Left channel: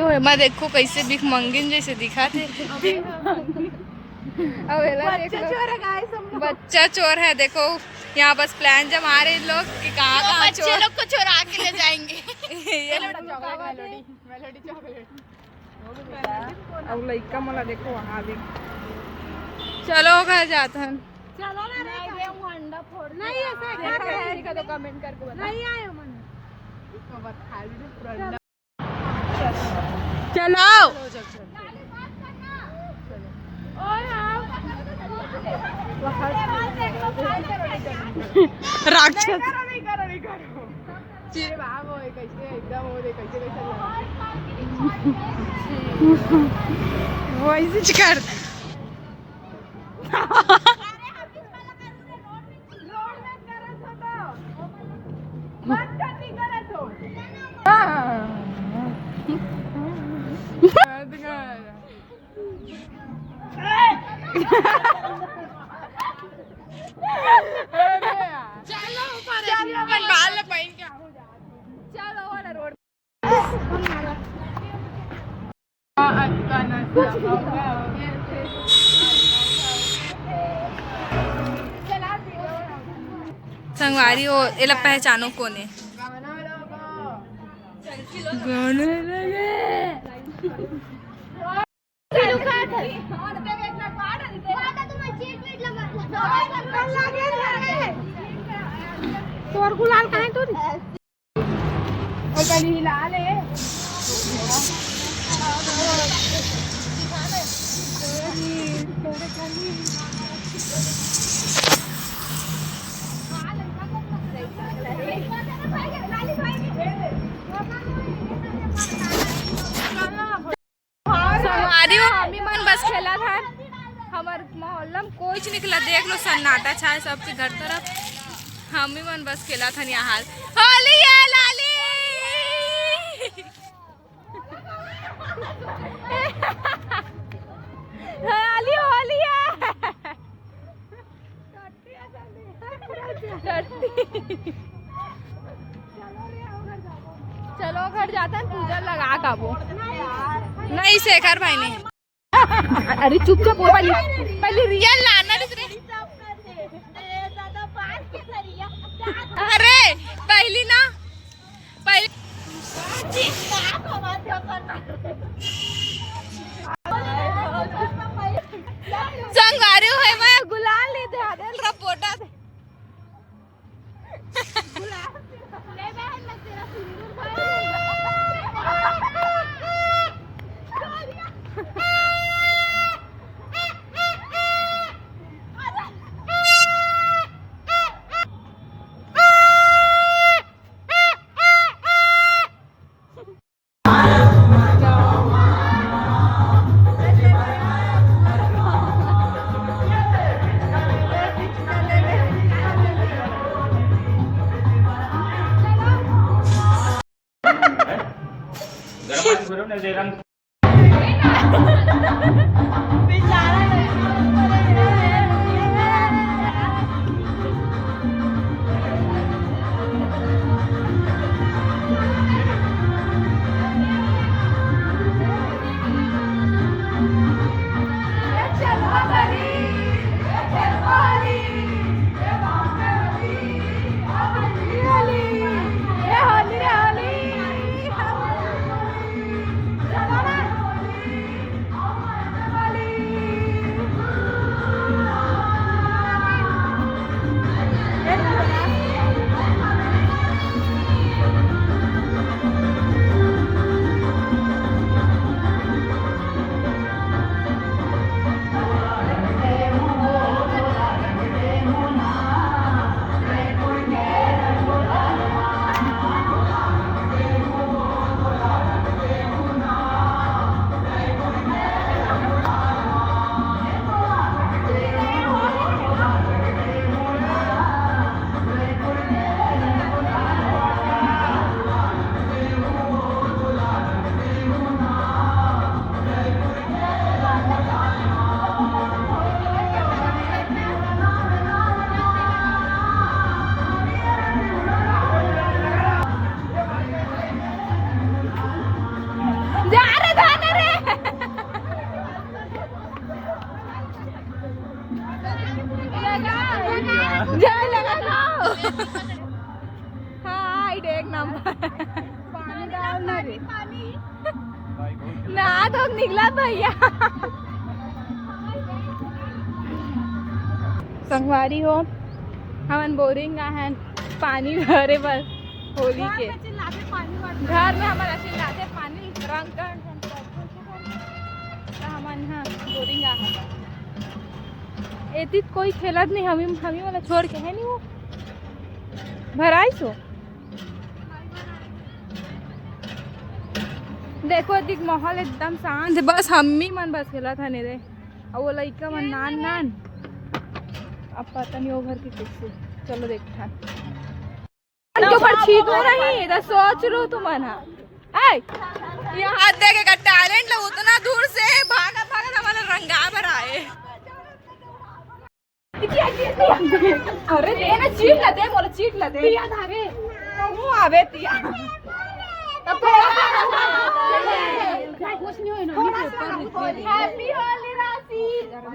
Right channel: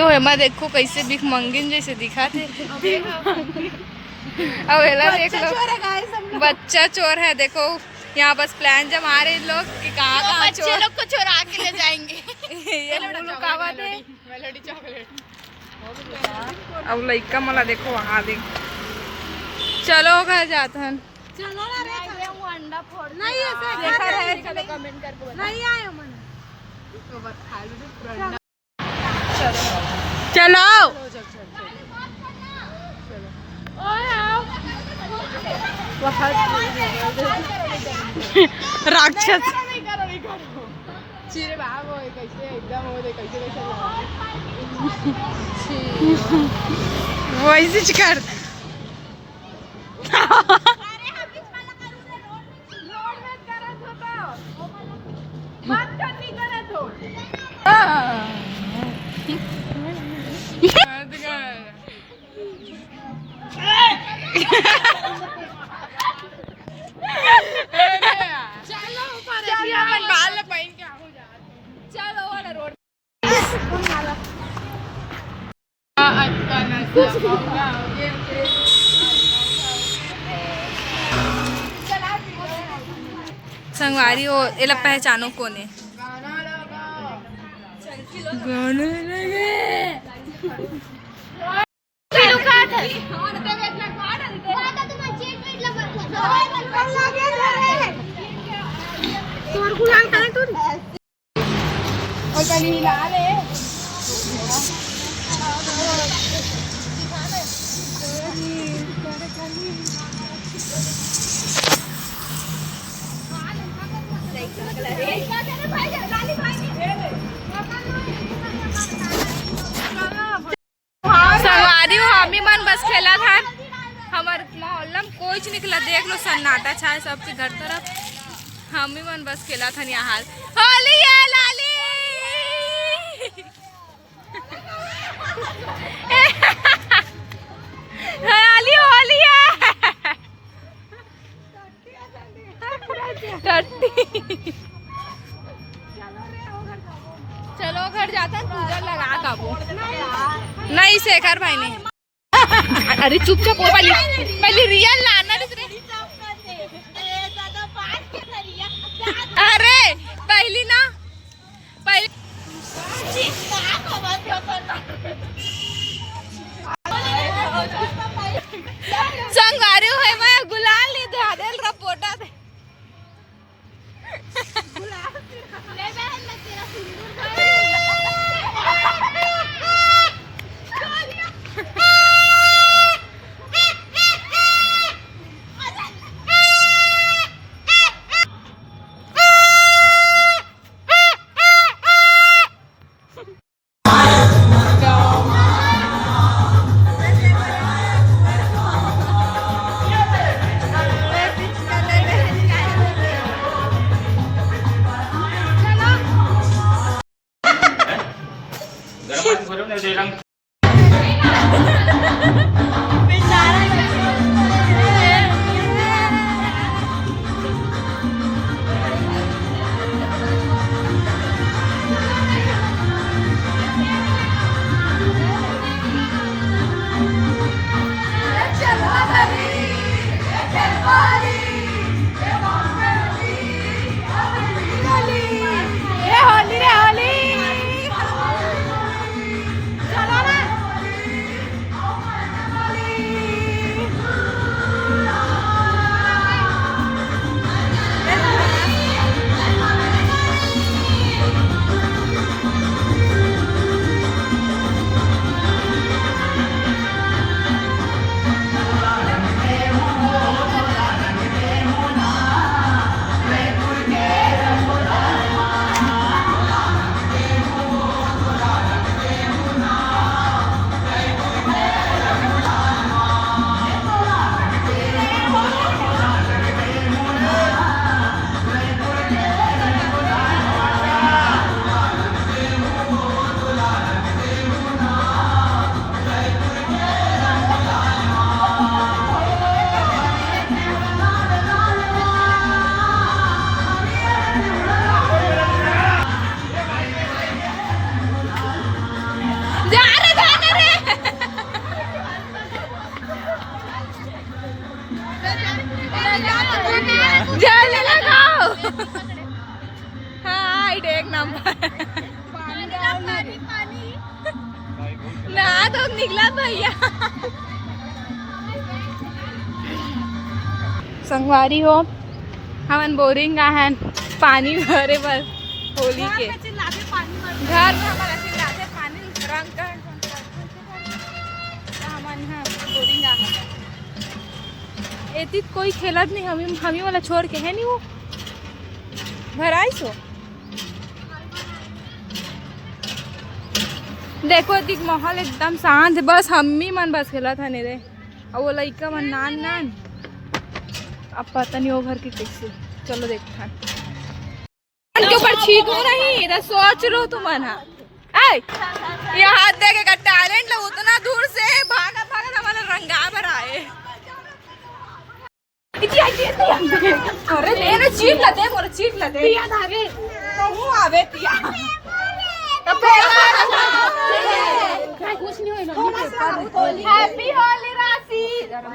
हेमा देखो कैसे भिख मंगिन जैसे दिखा थे। अवेला देख लो, बच्चा चोर है। देखो यहाँ बस प्लान जमा रहे लोग कि कहाँ बच्चे लोग को चोरा के ले जाएंगे। ये अब लड़का मला देखो वहाँ देख। चलो घर जाते हैं। चलो ना रे, वो अंडा फोड़ नहीं ऐसे दिखा दो, कमेंट करके बता। नहीं आए मन। चलो राक्षस वैसे कर। संगवारी हो एला पहचानो कोने गाने लगे। तोर गुलाल कहां तोर और पानी हिला ले। संगवारी हो हम ही मन बस खेला था। हमारे मोहल्ला में कोई निकला, देख लो सन्नाटा छाए सबके घर तरफ। हम ही मन बस खेला था यहाँ हाल होली है लाली। होली होली है चलो घर जाता है, पूजा लगा काबू नहीं शेखर भाई ने। अरे चुपचाप हो, पहले रियल लाना। अरे पहली ना पहली संगवारी है मैं गुलाल नहीं दे देल रपोटा दे। पानी डालना रे ना तो निकला भैया। संगवारी हो हमन बोरिंग है पानी भरे बस होली के घर में हमारा चिल्लाते पानी रंग का हमन यहाँ बोरिंग है एती कोई खेलत नहीं हमी वाला छोड़ के है नहीं वो भराई सो देखो दिख माहौल एकदम शांत है बस हमी मन बस खेला था नहीं रे और वो लड़का मन नान नान अब पता नहीं वो घर के कैसे चलो देखता के ऊपर छीकू नहीं तो सोच रो तुम यहाँ देखेगा टैलेंट लो उतना दूर से भागा भागा हमारा रंगा भराए अरे दे ना चीट लते मोर चीट लते या धागे कहूं आवे तिया तो कुछ नहीं होई ना हैप्पी होली राशि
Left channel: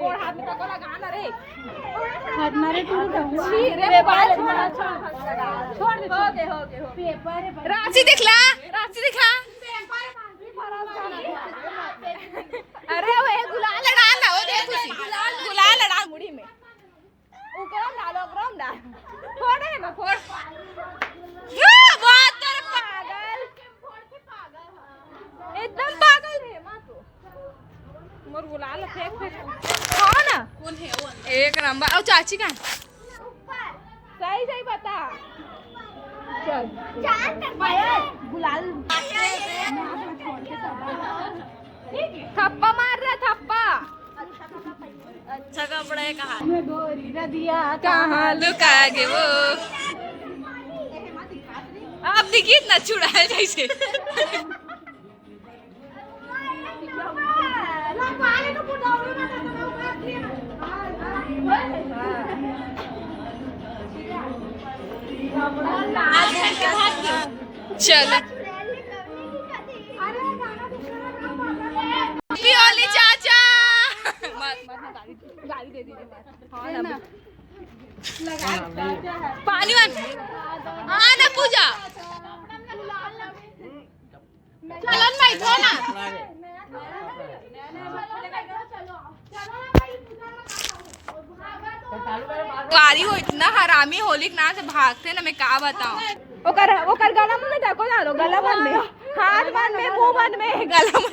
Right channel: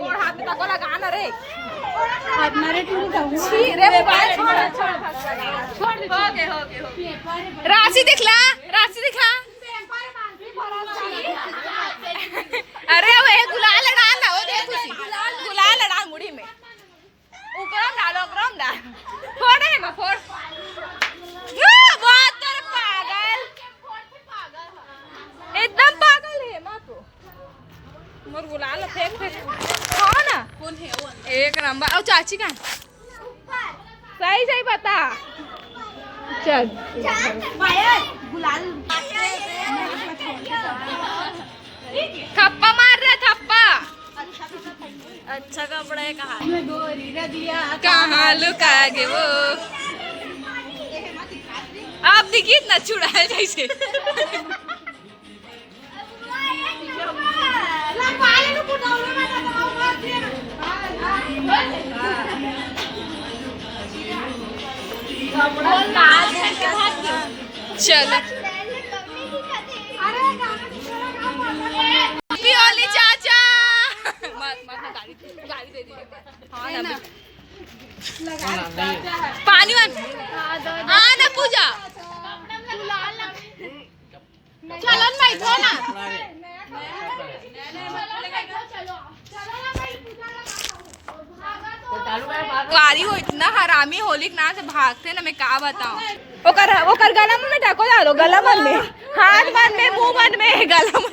और हाथ में तक लगाना रे हाथ मारे टूट जाऊं छी रे मोबाइल छोड़ हो गए राशि दिखला अरे वो गुलाल डाल ना वो देख खुशी गुलाल डाल मुड़ी में उकरम डालो उकरम डाल फोड़ है मैं फोड़ बहुत तेरे पागल एकदम पागल है मां तो मोर गुलाल फेंक हाँ ना कौन है वो एक नंबर और चाची का सही बता चल गुलाल थप्पा मार रहा थप्पा अच्छा कपड़ा है कहाँ लुका गे वो आप देखिए इतना चुड़ा है जैसे चलो पियोली चाचा गाड़ी दे दी हाँ ना पानी वन हाँ ना पूजा चलो नहीं धो ना गाड़ी वो इतना हरामी होली के ना से भागते ना मैं क्या बताऊं ओकर गला में डाको डालो गला मन में हाथ मन में मुंह मन में गला मन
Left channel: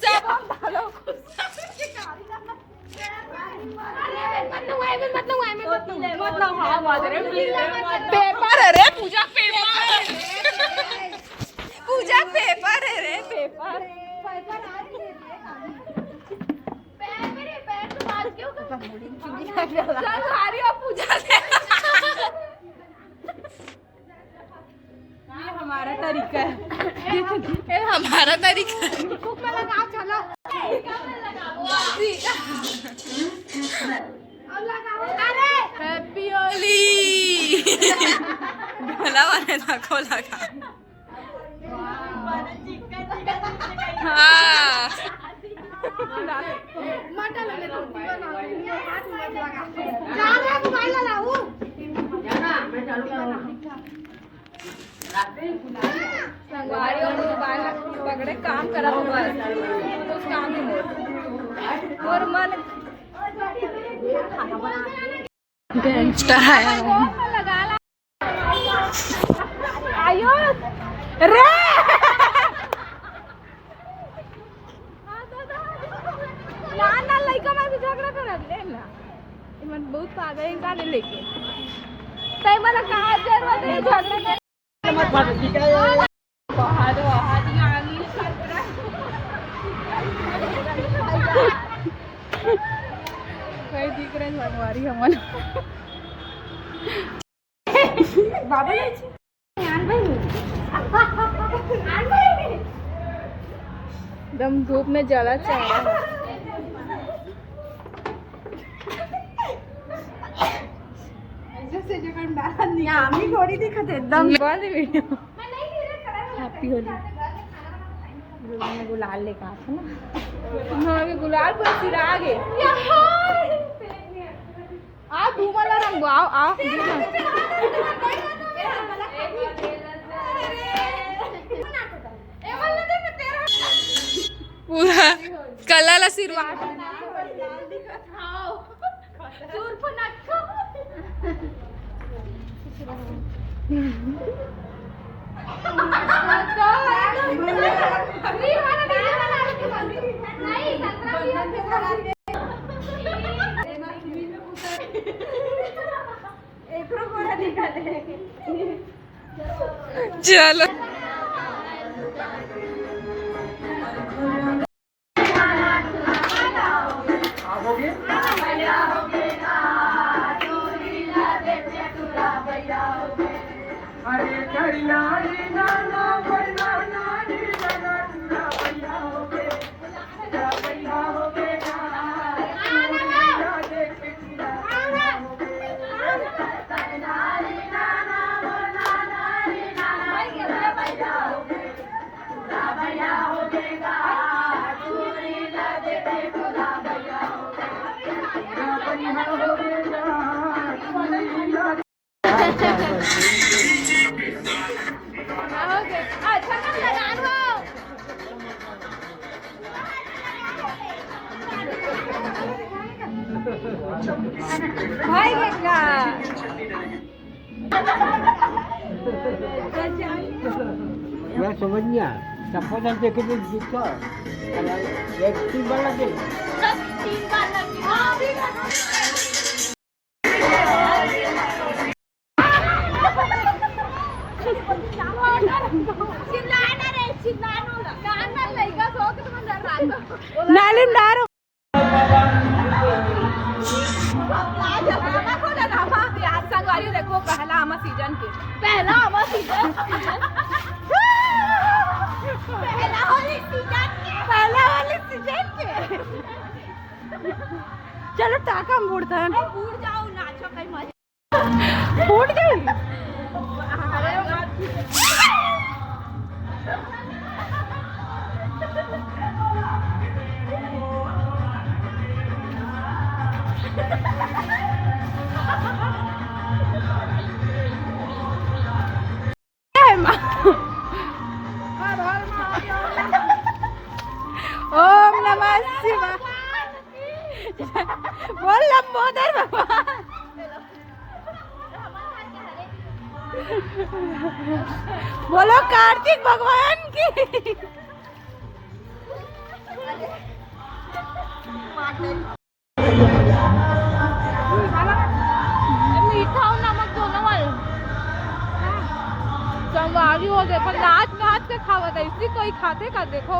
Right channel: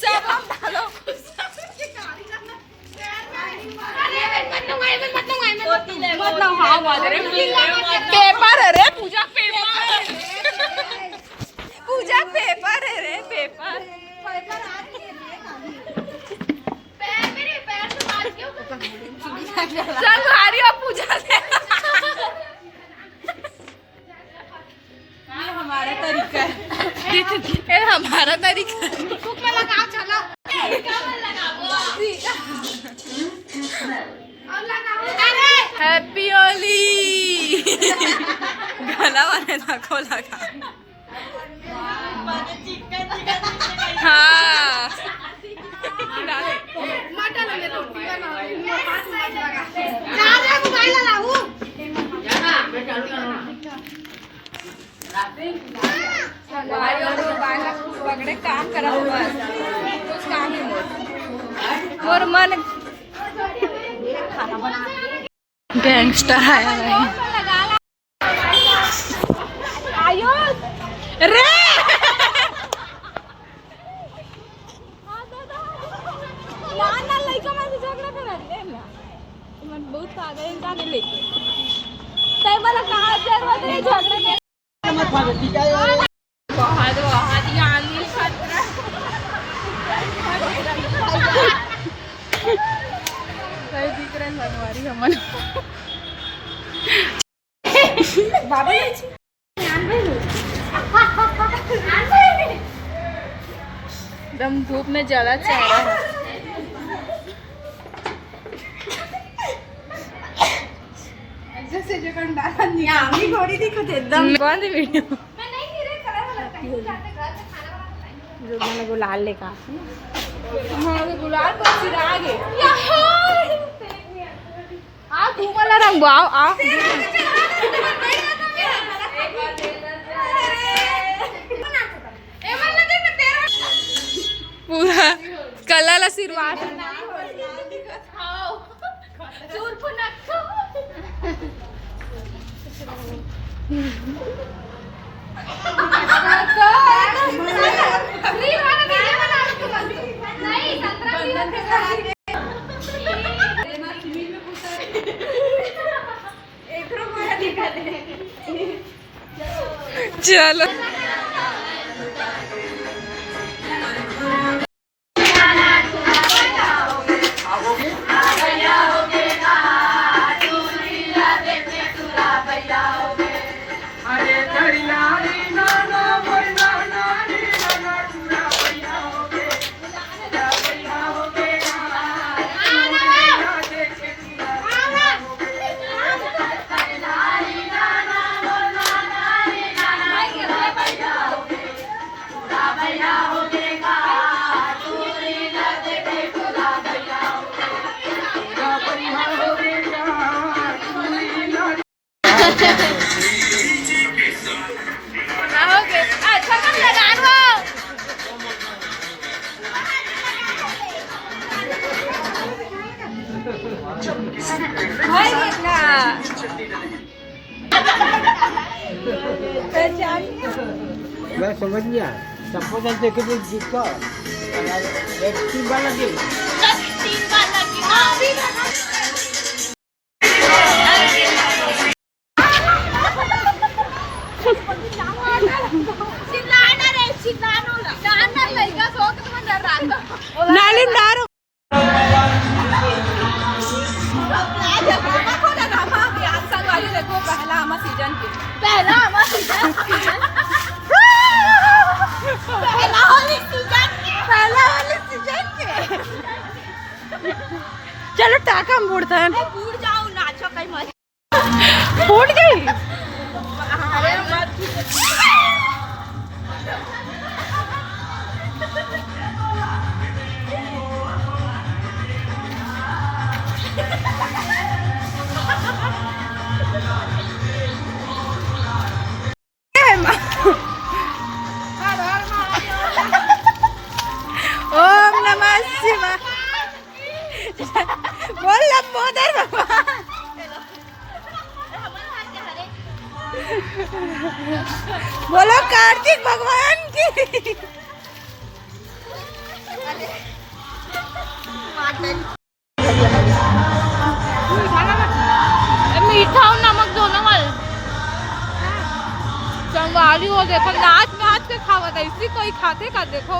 सब डालो पेपर है रे पूजा पेपर है रे पेपर चल भारी और पूजा से ये हमारा तरीका है ये हमारा तरीका है कुक में लगाओ चलो हैप्पी होली गला वाले नाको लगा हाँ पकड़े काम करा बस कुछ काम ही और मन गैंगस्टर आया आयो रे ना लइका में झगड़ा कर ले ना मन बहुत पागल है इनका लेके तय मला कहां जरूरत है झगड़ा मत मारो ठीक है आदो आदि आंधी कई दिख रहा है हमारी हमन बाबा दम धूप में जला चेहरा है ऐसे जो कर डाला नहीं आमी थोड़ी दिखत एकदम बंद वीडियो मैं नहीं रे कलर वाला जो मैंने गुलाल लेकर आता ना हां गुलाल पर चिरा गए आ घूमला रंग आओ आशीर्वाद चलो मैं समझ नहीं आया चप्पल चलते कितने जीत का एक 3 बार लगे नालिम दारू देखो पहला हमारा सीजन के पहला वाले सीजन के चलो टाका मोड़ता है फूट गई ओम नमः शिवाय बोल लंबोदर भगवान बोलो कार्तिक भगवान की मीठा और नमक दोनों वाले संवारी हो देखो नाच नाच के खावा था इसी कोई खाते का देखो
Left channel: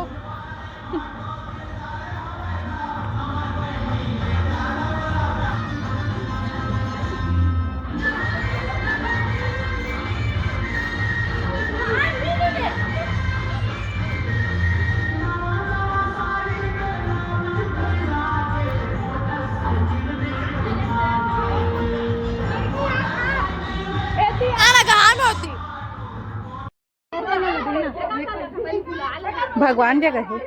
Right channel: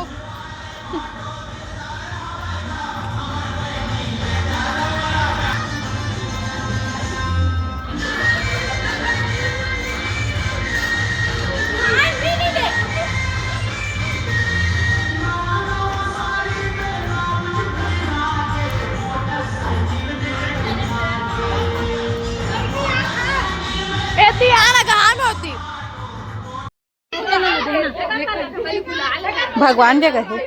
भगवान जगह है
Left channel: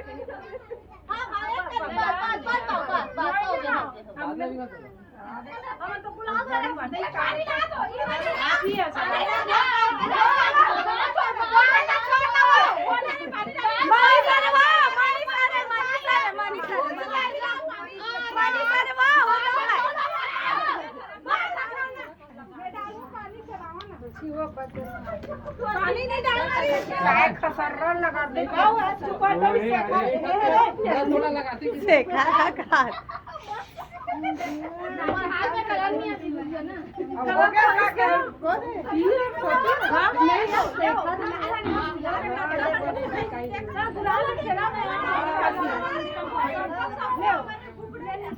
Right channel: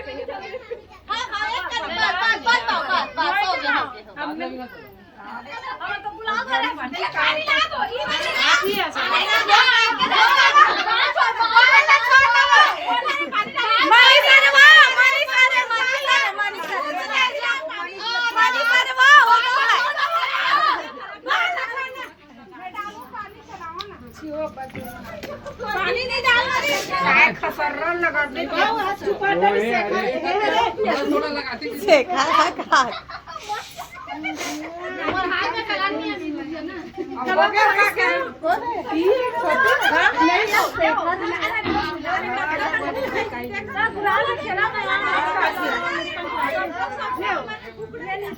पानी नहीं डालना खसर्रा लगा दे थोड़ा लगाती सेखा और हाथ में कलर नहीं अभी ना अब क्या लगा के नहीं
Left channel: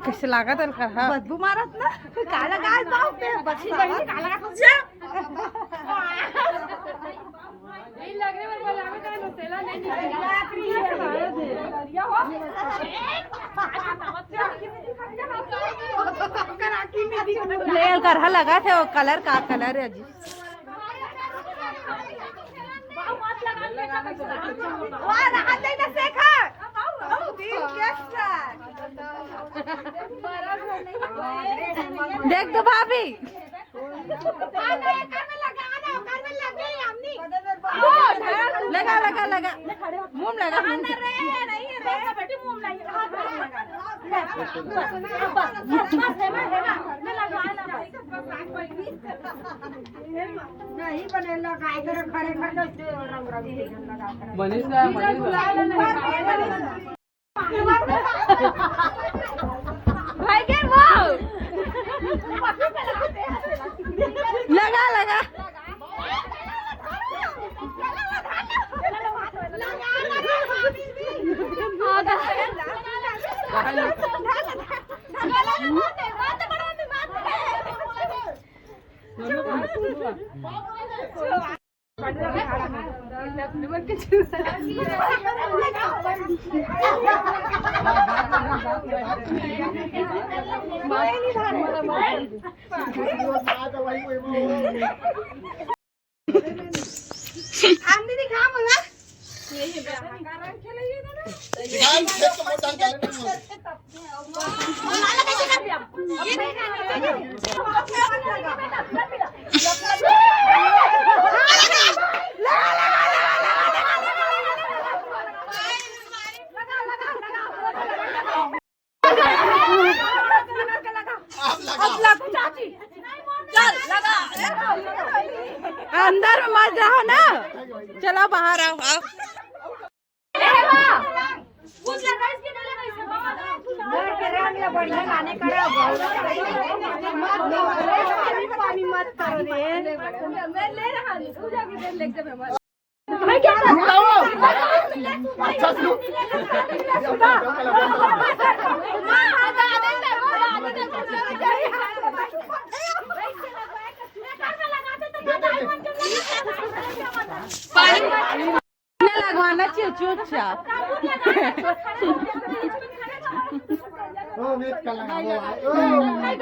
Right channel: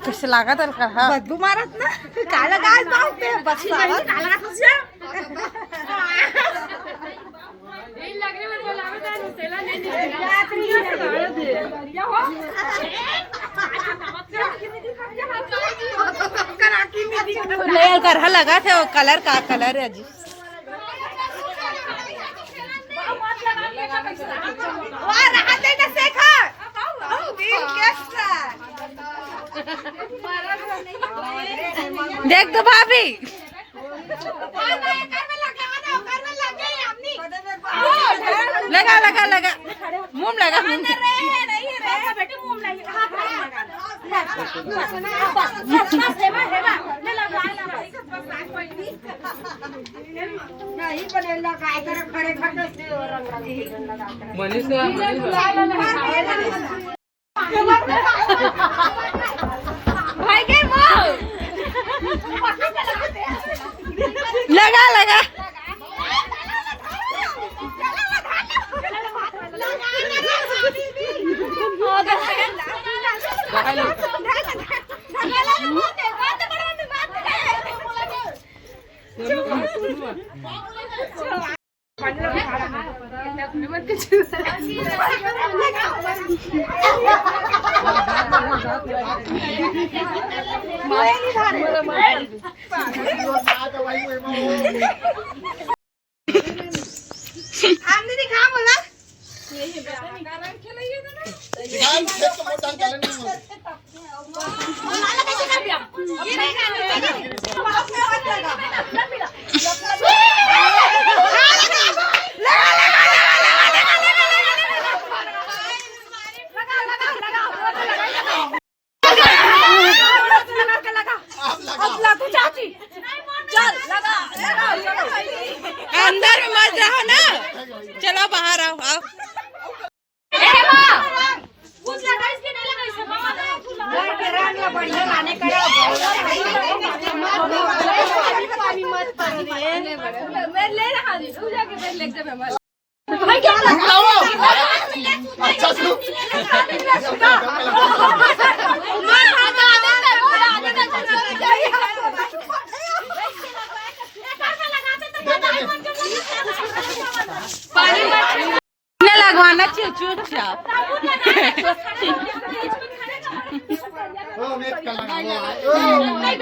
कैसे लागत है बदबू मारत ना काला गाय बांधते बस काला करहा लगा थे वो कलर का कलर है जी देख दो भाभी लगा लगा लगा मुंह लगा नहीं बनेला काय कर खरे खडस मनीषा भाई के मुंह लगा लगा अंदर मत रहो ना, चलो बाहर आओ आओ। लगवाना चुपचाप ओ वेट कर लगा